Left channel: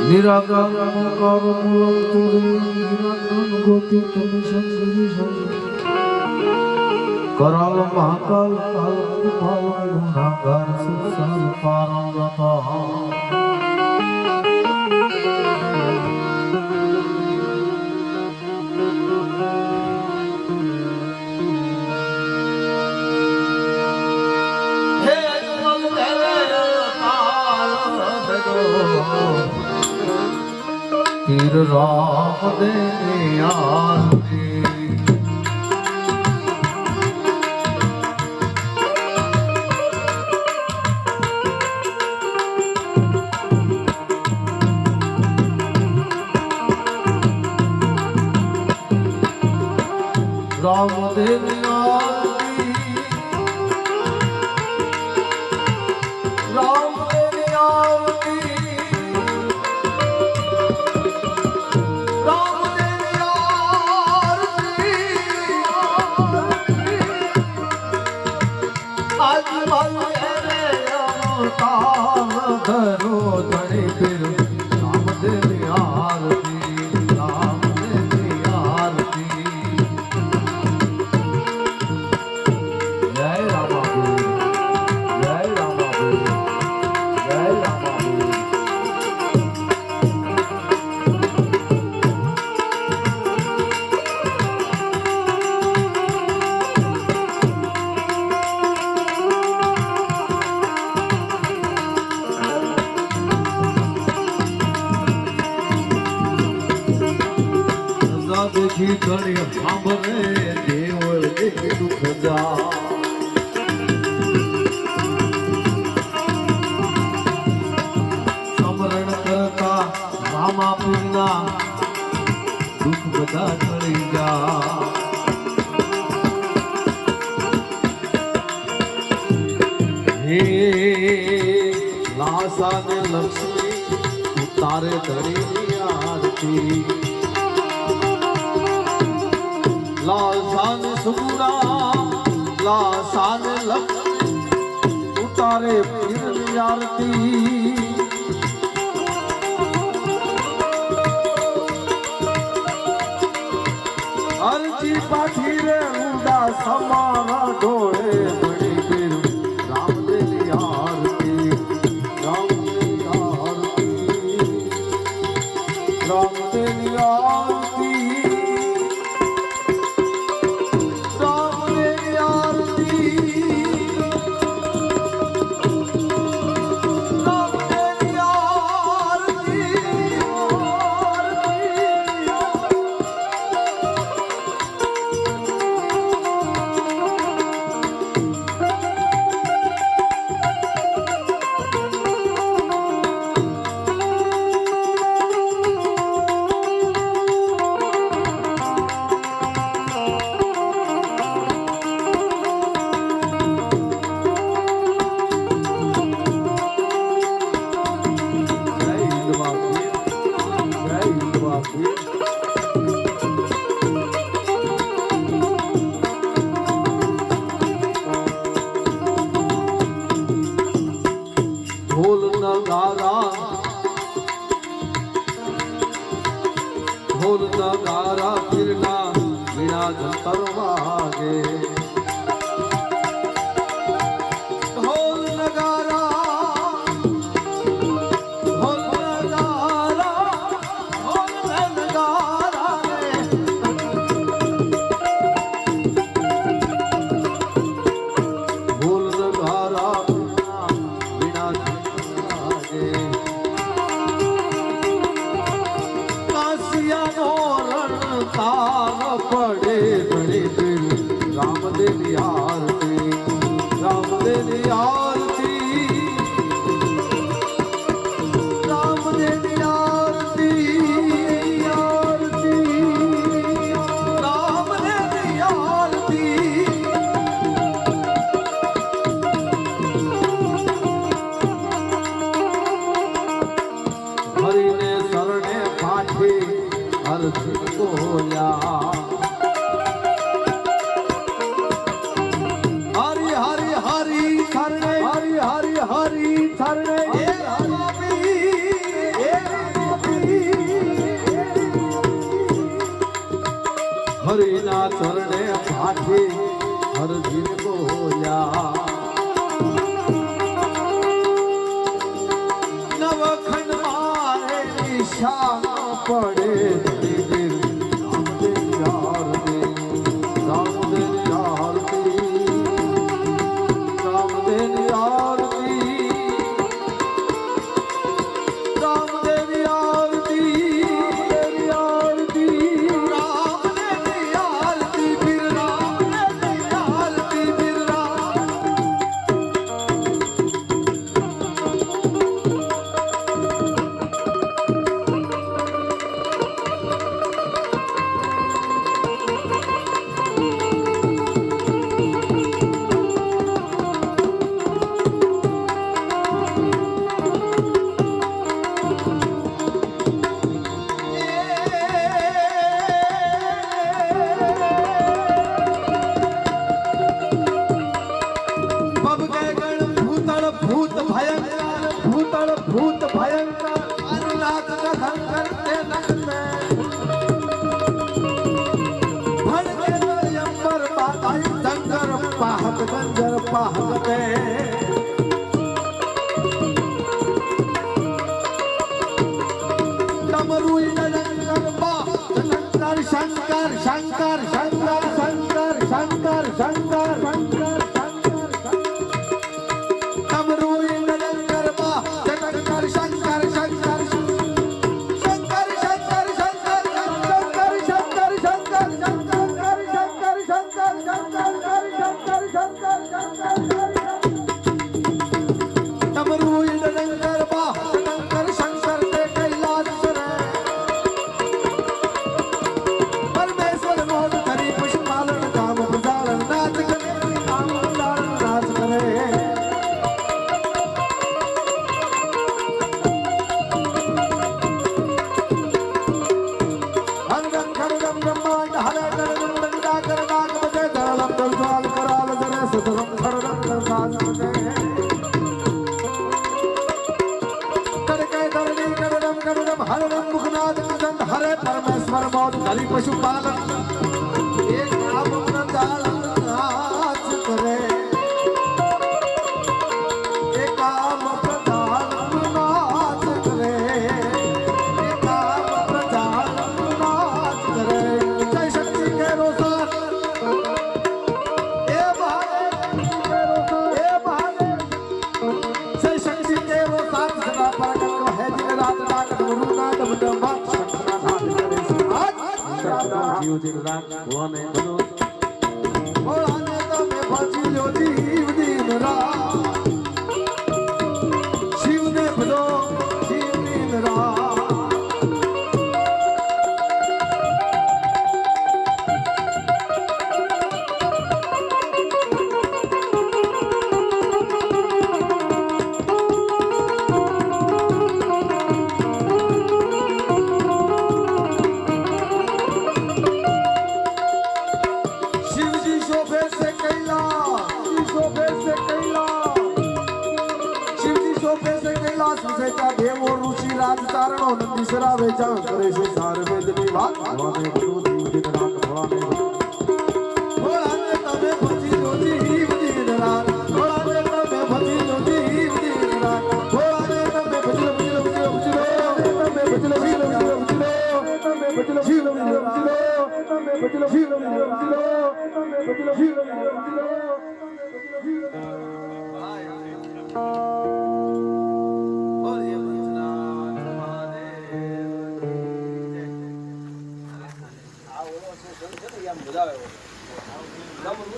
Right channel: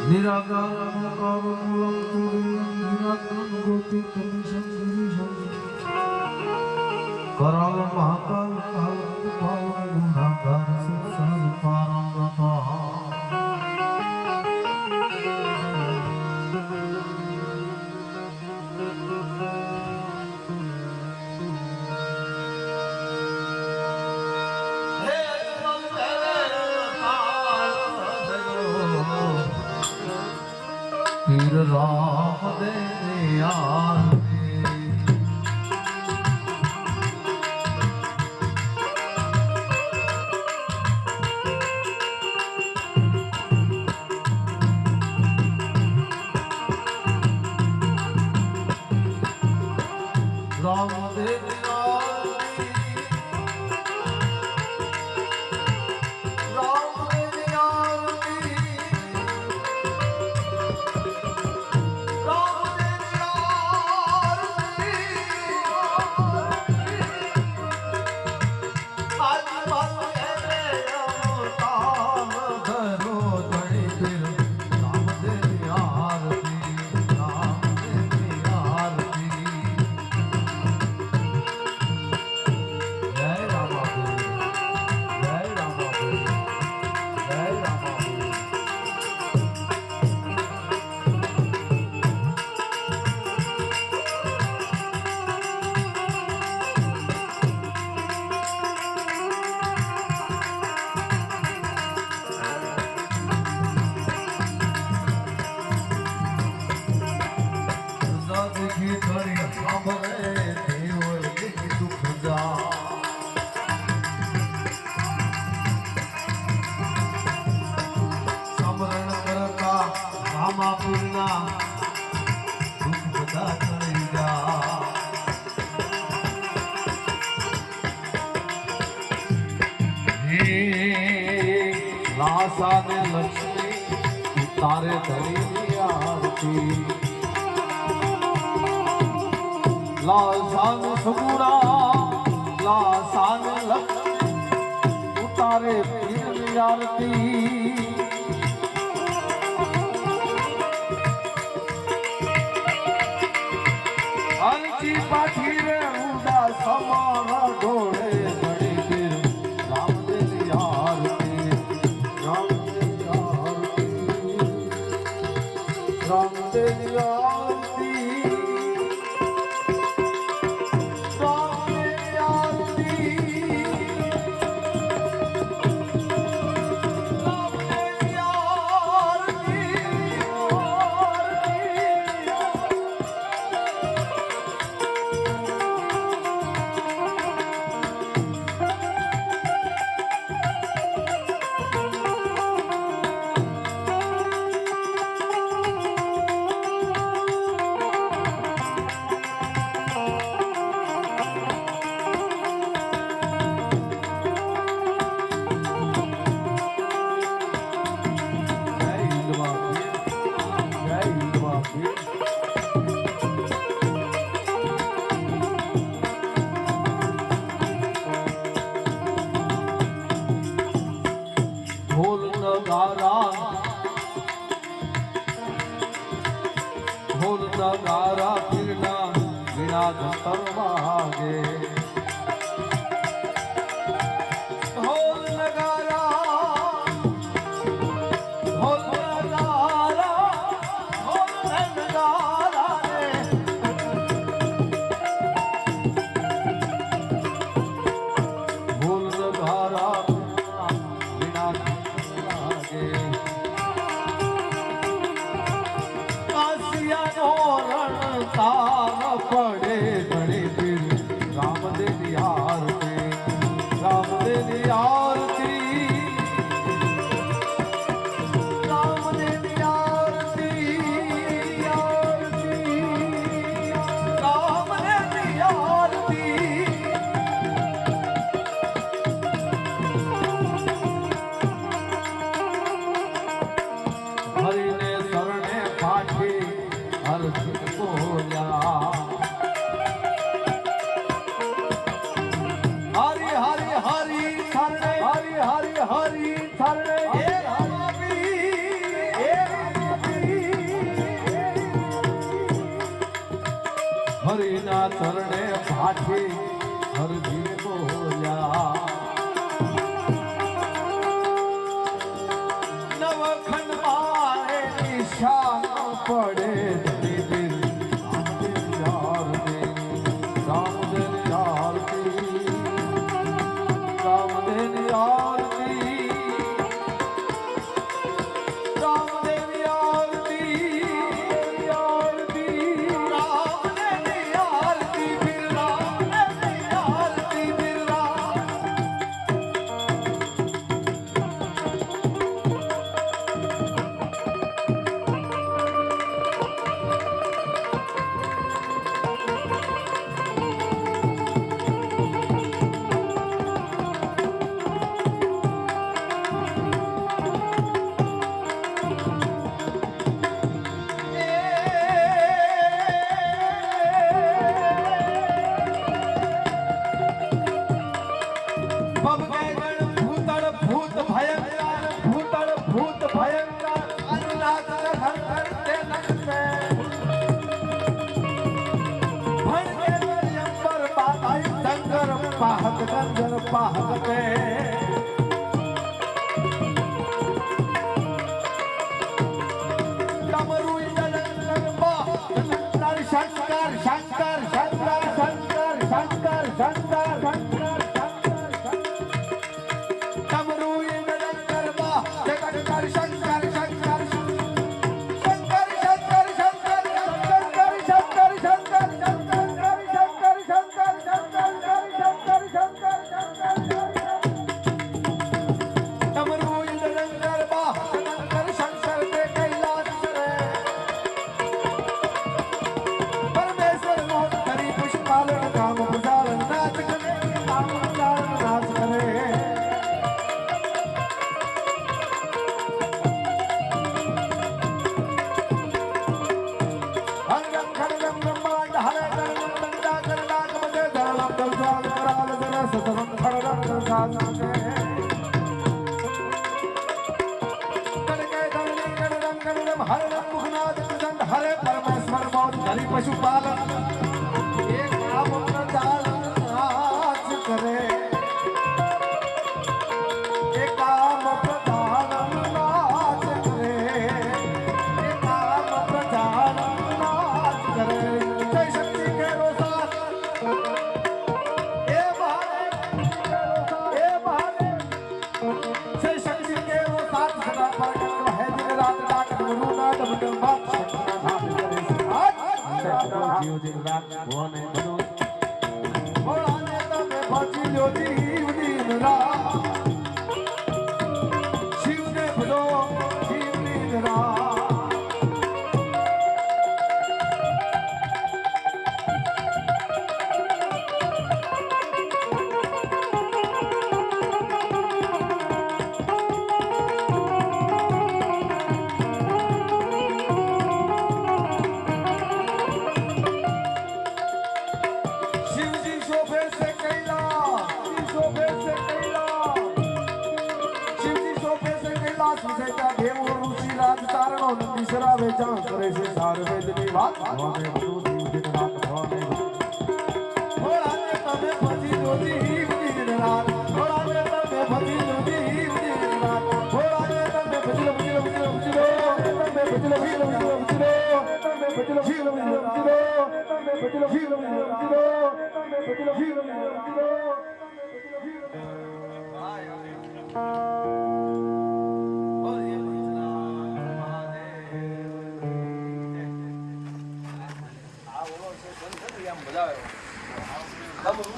નિરાકાર અમકાર મૂલમ તુર્યમ ગોતિ તમે સંગરી કરાલ મહાકાલ કાલ ભાવ ગુણાકાર સંસાર પારંગતા તીર રામ દે આરતી રામ દે આરતી રામ ધરો ધણી ફિર રામ દેવી આરતી રામ દેવી આરતી જય રામાબીર જય રામાબીર જય રામાબીર દેખી કરી સાંભળે દેવ દેખી દુઃખ જા સમરણ કરતા રામા પીરના દુઃખ બધા ટળી જા હે લાસા ને લક્ષ્મી તારે ધણી આરતી લાસાન સુગુણા લાસાન લક્ષ્મી ઉતારે પીરની આરતી અરજી પાછી રે રૂડા સમારા ઢોળે ઘણી પીર રામદેવની આરતી રામદેવની આરતી રામદેવની આરતી ઢોલ નગારા પીરના વીણા જંતર વાગે ઢોલ નગારા ઢોલ નગારા રે ઢોલ નગારા વીણા જંતર વાગે તાર પડે ઘણી પીર રામદેવની આરતી રામદેવની આરતી રામદેવની આરતી આરતી રામદેવની આરતી હરિને શરણે પાછી અરજી બોલ્યા હરી હરી હરી શરણે હારી હારી હારી ચરણે હરિના ચરણે પાછી હરજી બોલ્યા નવખંડ મારે નિશાન પડે દિલ રામદેવ આરતી રામદેવ આરતી રામદેવ આરતી રામદેવ આરતી ફિર રામદેવ આરતી ફિર ભૂત ભયંકર અનુનાદ ધનકર તે નખતે ભણકે અંબર બાધાઈ શંકર પાહક ગંજર પાહકતે ડમરુ ઈડંકર બા શંકર શંકર શંકર શંકર શંકર શંકર શંકર શંકર ડમરુ ઈડંકર બા શંકર શંકર શંકર શંકર શંકર શંકર શંકર શંકર શંકર ડમરુ ઈડંકર બા શંકર શંકર તે કૈલાસ રે પરમેશ્વર મોદ કરી પુષ્પાલન કામ પુજાલન નાચ કરે કામ પુજાલન નાચ કરે સતરમ ખડરમ સાજને કડકે ધરણી કડરમ કડરમ હરમ મુખનાદ ચંદ હરે પરમેશ્વર મોદ કરી પશુપાલન એક આપ પ્રજાળ નાચ કરે એક આપ પ્રજાળ નાચ કરે એક આપ પ્રજાળ નાચ કરે જય શક્તિ કે રોસાર જીવ દિન રાત ભુવને બધું ભોળાને તમે ભજી લો જીવ દિન રાત શિવને ભલો જીવ દિન રાત દેવો ઋષિ રાજ તારણો નંદીશરા વેચાણ કરે છે સાર વેદની વાત ભવાને બધું જીવ દિન રાત ભવાને ભોળાને તમે ભજી લો જીવ દિન રાત ભોળાને તમે ભજી લો જીવ દિન રાત ભોળાને તમે ભજી લો ભજી લો ભજી લો ભજી લો તમે ભજી લો ભજી લો ભજી લો ભજી લો તમે ભજી લો ભજી લો ભજી લો ભજી લો તમે ભજી લો ભજી લો ભજી લો ભજી લો તમે ભજી લો ભજી લો ભજી લો ભજી લો મજા આવે